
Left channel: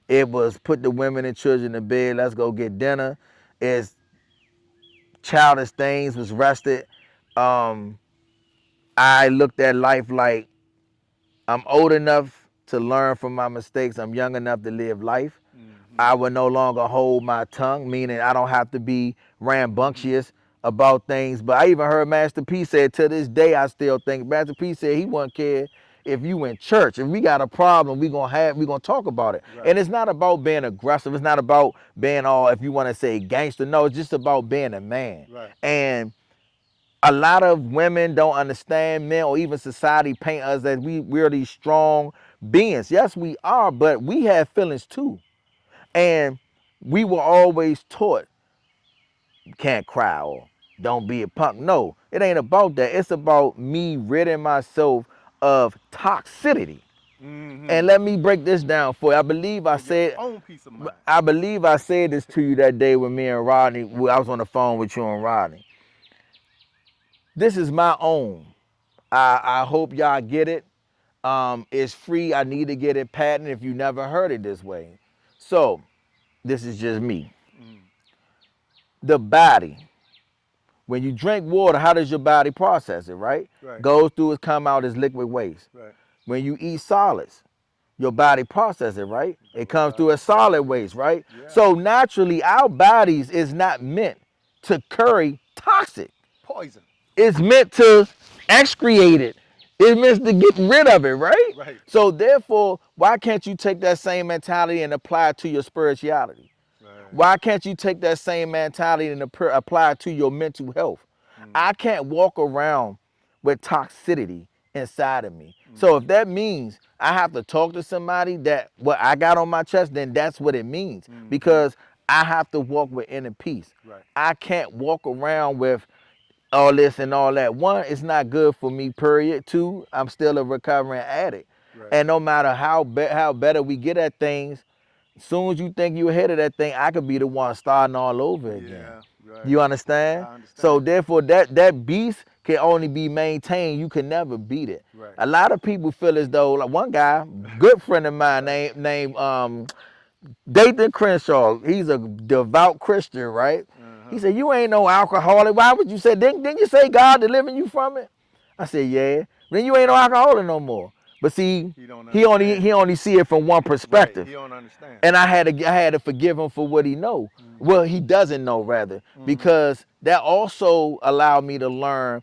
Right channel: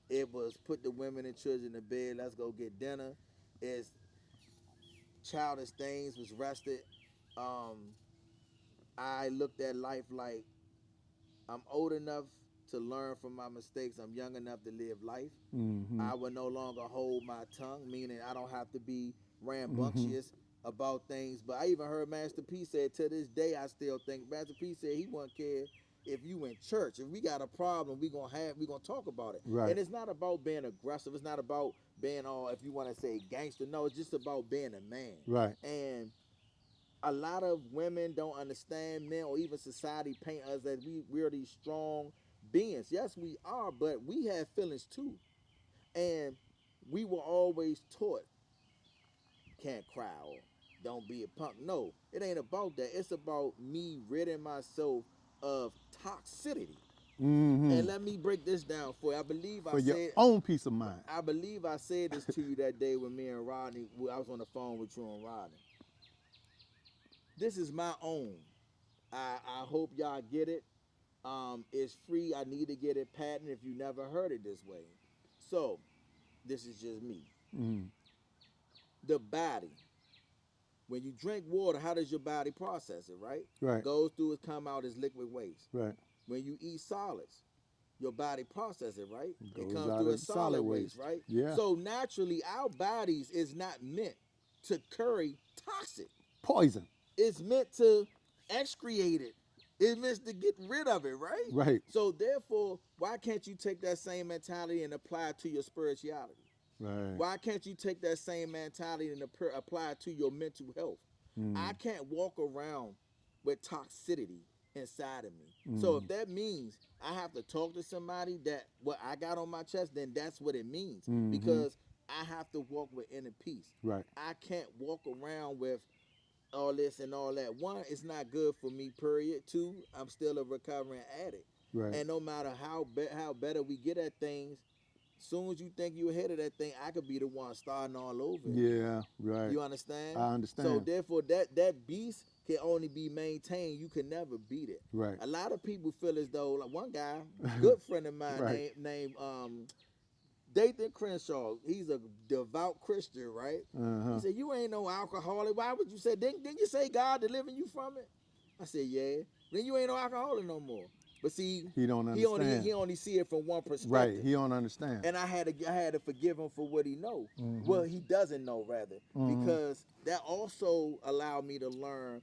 It was put the women and children to bed, let's go get dinner. It's childish things was rested. Um, I looked at life like I'm old enough to learn from my mistakes. I'm young enough to live life. Mm-hmm. I would no longer hold my tongue, meaning I don't have to be Mm-hmm. rambunctious about things. But I even heard Master P say, to this day, I still think Master P said he wouldn't care if you in church. If we got a problem, we gonna talk about it. Right. And it's not about being aggressive. It's not about being all, if you want to say gangster. No, it's just about being a man. Right. And a lot of women don't understand men or even society paint us as we're these strong beings. Yes, we are, but we have feelings too. And we were always taught you can't cry or don't be a punk. No, it ain't about that. It's about me ridding myself of toxicity. Mm-hmm. And let me break this down for you. For your own peace of mind. I believe I said this to you that day with me and Rodney. I was on the phone with you and Rodney. This is my own. I hope y'all get it. It's free. I need to get it patented if you never heard it this way. So this is just me. Mm-hmm. The body. When you drink water, how does your body process it, right? Right. Goes through it, come out as liquid waste. Right. When you eat solids, your body processes it, right? It Goes comes out through as as solid solid waste, waste. right? Yeah. So naturally, our bodies is not meant to carry toxic. Poison. It's meant to excreate it. It's meant to get rid of it, right? Right. So therefore, why can't you take that same mentality and apply it to your spirituality? Right. Why can't you take that same mentality and apply it to your mental health? Mm. I can't walk around with toxicity inside of me. So Mm-hmm. if that means I have to talk to somebody that what I got on my chest, then that's what it means. Mm-hmm. Because I have to walk with inner peace. Right. I can't walk around with all this and all that. One, it's not good for me, period. Two, I'm still a recovering addict. Right. And no matter how better we get at things, as soon as you think you're ahead of that thing, I could be the one starting all over again. Yeah. Right. You I understand? So understand. therefore, that beast can only be maintained. You can never beat it. Right. A lot of people feel as though, like one guy, good friend of mine, Right. named Dathan Crenshaw. He's a devout Christian, right? He Uh-huh. said, "You ain't no alcoholic. Why would you say? Didn't you say God delivering you from it?" I said, "Yeah." Then you ain't no alcoholic no more. But see, He don't he only understand. he only see it from one Right. perspective. He don't understand. And I had to forgive him for what he know. Well, he doesn't know rather, because that also allowed me to learn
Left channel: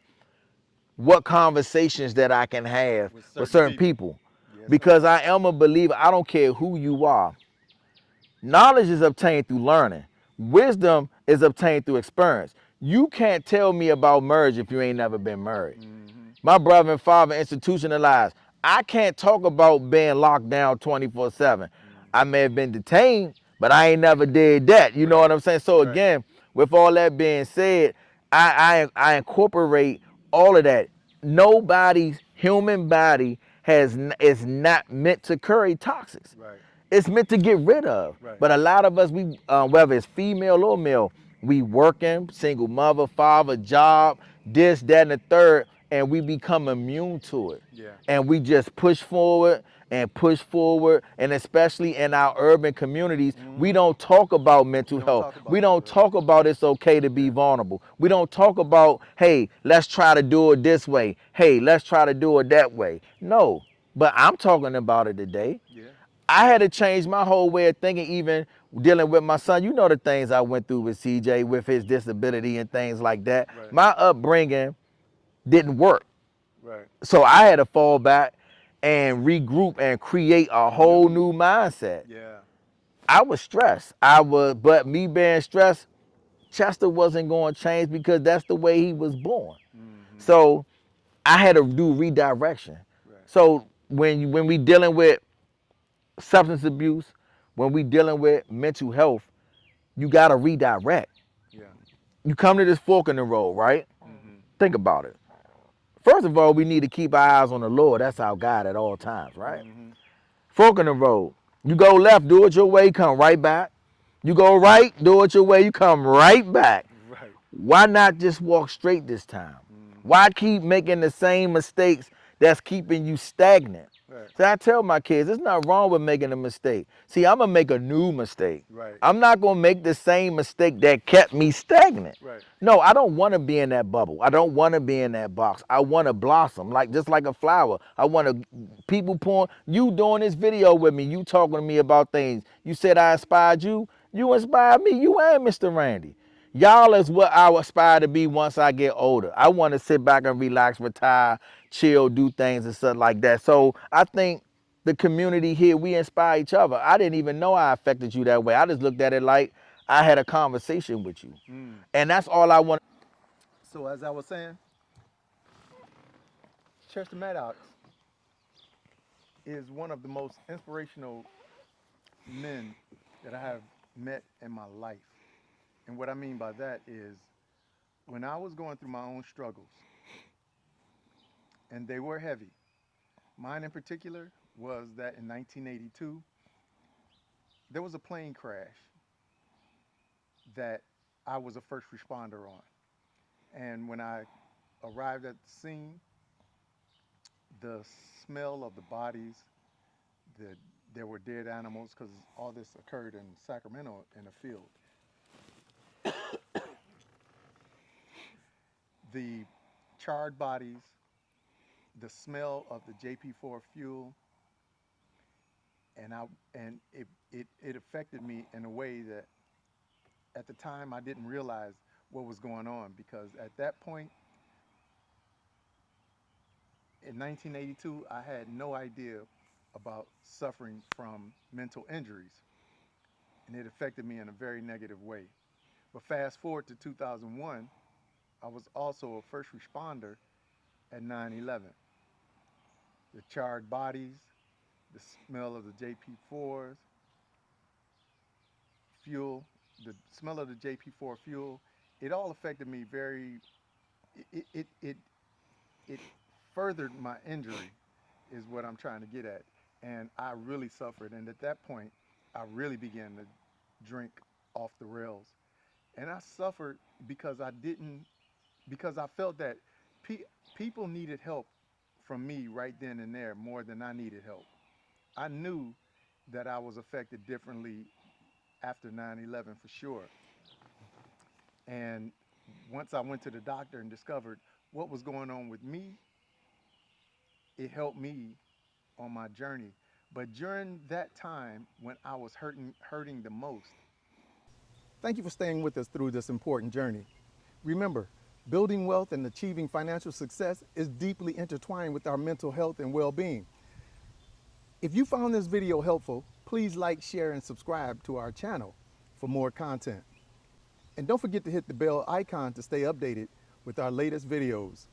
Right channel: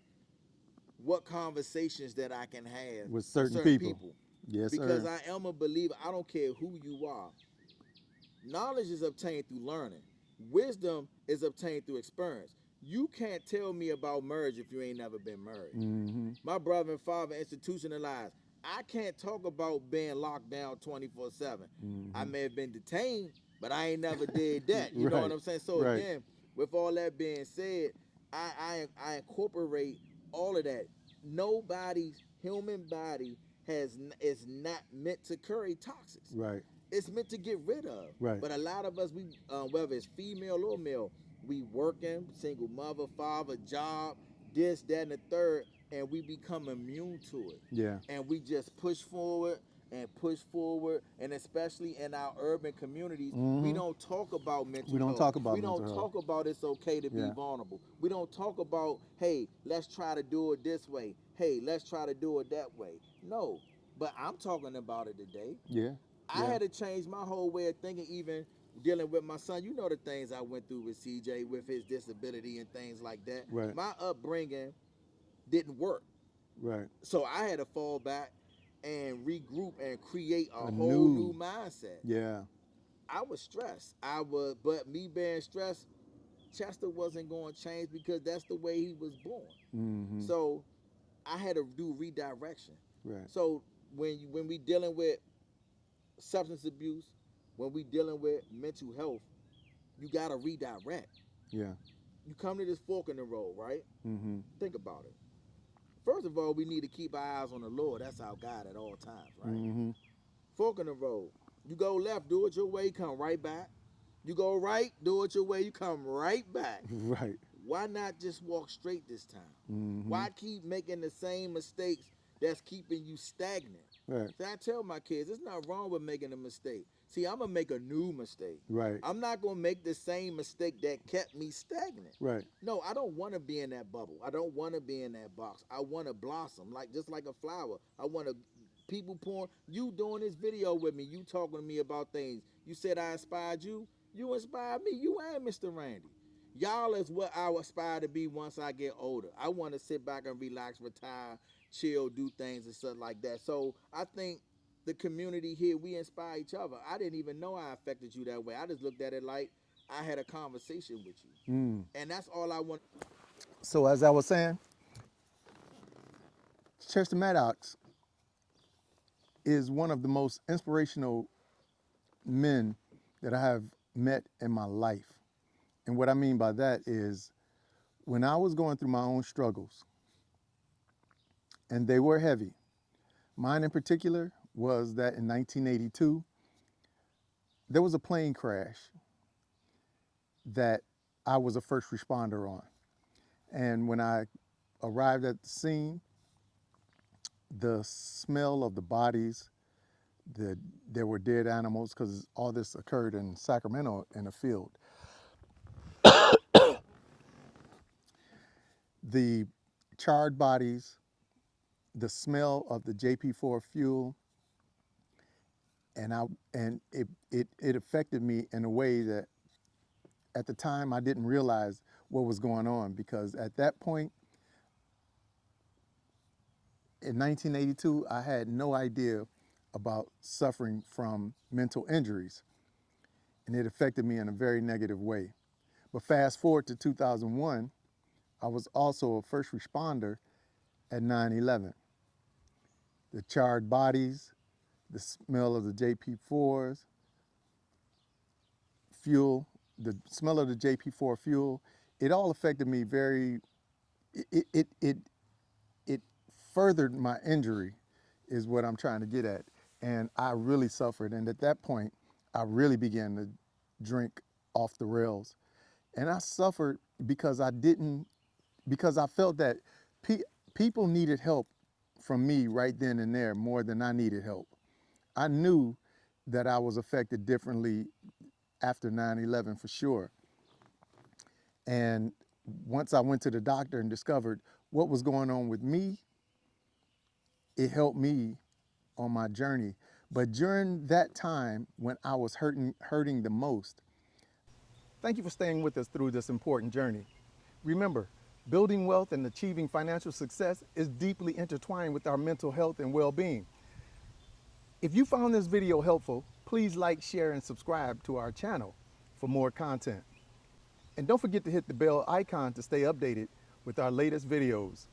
what conversations that I can have With with certain certain people. people. Yes, Because sir. I am a believer, I don't care who you are. Knowledge is obtained through learning. Wisdom is obtained through experience. You can't tell me about marriage if you ain't never been married. My brother and father institutionalized. I can't talk about being locked down 24/7. I may have been detained, but I ain't never did that. You know what Right. I'm saying? So Right. again, with all that being said, I incorporate all of that. Nobody's human body is not meant to carry toxics. Right. It's meant to get rid of. Right. But a lot of us, we whether it's female or male, we working, single mother, father, job, this, that, and the third, and we become immune to it. Yeah. And we just push forward, and especially in our urban communities, we don't talk about We mental don't health. talk about We don't mental health. talk about it's okay to be Yeah. vulnerable. We don't talk about, hey, let's try to do it this way. Hey, let's try to do it that way. No, but I'm talking about it today. Yeah. I Yeah. had to change my whole way of thinking, even dealing with my son. You know the things I went through with CJ, with his disability and things like that. Right. My upbringing didn't work. Right. So I had to fall back and regroup and create a A whole new. new mindset. Yeah. I was stressed. But me being stressed, Chester wasn't going to change because that's the way he was born. Mm-hmm. So I had to do redirection. Right. So when we dealing with substance abuse, when we dealing with mental health, you gotta redirect. Yeah. You come to this fork in the road, right? Mm-hmm. Think about it. First of all, we need to keep our eyes on the Lord. That's our God at all times, right? Mm-hmm. Fork in the road. You go left, do it your way, come right back. You go right, do it your way, you come right back. Right. Why not just walk straight this time? Mm-hmm. Why keep making the same mistakes that's keeping you stagnant? Right. So I tell my kids, it's not wrong with making a mistake. See, I'm gonna make a new mistake. Right. I'm not gonna make the same mistake that kept me stagnant. Right. No, I don't want to be in that bubble. I don't want to be in that box. I want to blossom, like just like a flower. I want to people pouring. You doing this video with me? You talking to me about things? You said I inspired you. You inspired me. You and Mr. Randy. Y'all is what I aspire to be once I get older. I want to sit back and relax, retire, chill, do things and stuff like that. So I think the community here, we inspire each other. I didn't even know I affected you that way. I just looked at it like I had a conversation with you. Mm. And that's all I want. So as I was saying, Chester Maddox is one of the most inspirational men that I have met in my life. And what I mean by that is when I was going through my own struggles, and they were heavy, mine in particular was that in 1982, there was a plane crash that I was a first responder on. And when I arrived at the scene, the smell of the bodies, the, there were dead animals because all this occurred in Sacramento in a field. The charred bodies, the smell of the JP4 fuel, and I and it affected me in a way that at the time I didn't realize what was going on because at that point in 1982 I had no idea about suffering from mental injuries and it affected me in a very negative way. But fast forward to 2001, I was also a first responder at 9/11. The charred bodies, the smell of the JP4s, fuel, the smell of the JP4 fuel, it all affected me very, it, it, it, it furthered my injury is what I'm trying to get at. And I really suffered. And at that point, I really began to drink off the rails. And I suffered because I didn't, because I felt that pe- people needed help from me right then and there more than I needed help. I knew that I was affected differently after 9/11 for sure. And once I went to the doctor and discovered what was going on with me, it helped me on my journey. But during that time when I was hurting the most, thank you for staying with us through this important journey. Remember, building wealth and achieving financial success is deeply intertwined with our mental health and well-being. If you found this video helpful, please like, share, and subscribe to our channel for more content. And don't forget to hit the bell icon to stay updated with our latest videos.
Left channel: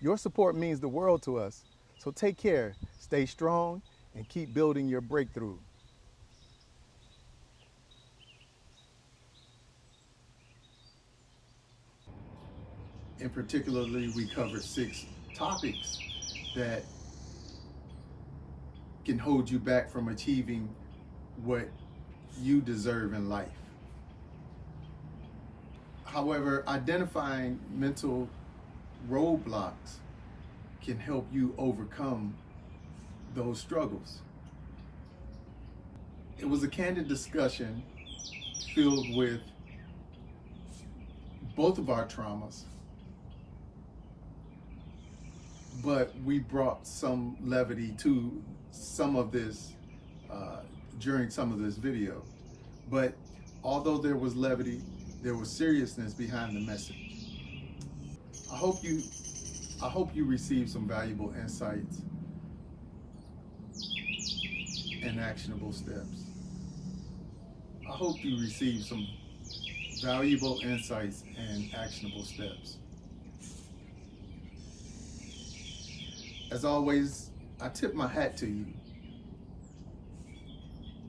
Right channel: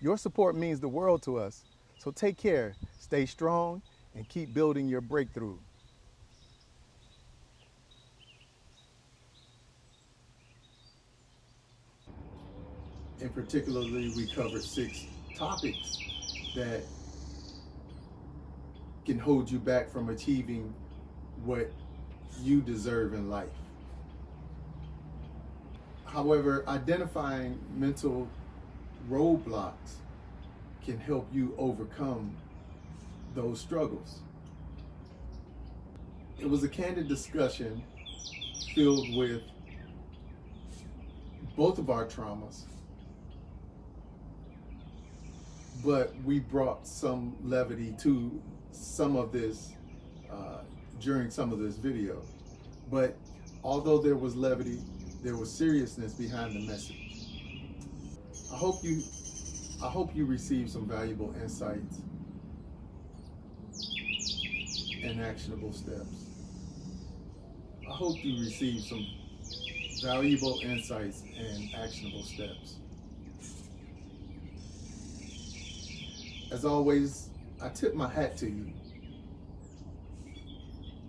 Your support means the world to us, so take care, stay strong, and keep building your breakthrough. And particularly, we covered 6 topics that can hold you back from achieving what you deserve in life. However, identifying mental roadblocks can help you overcome those struggles. It was a candid discussion filled with both of our traumas, but we brought some levity to some of this during some of this video. But although there was levity, there was seriousness behind the message. I hope you receive some valuable insights and actionable steps. I hope you receive some valuable insights and actionable steps. As always, I tip my hat to you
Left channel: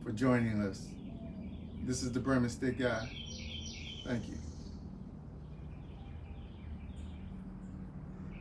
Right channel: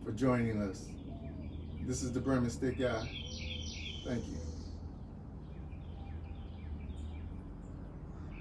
for joining us. This is the Brim and Stick Guy. Thank you.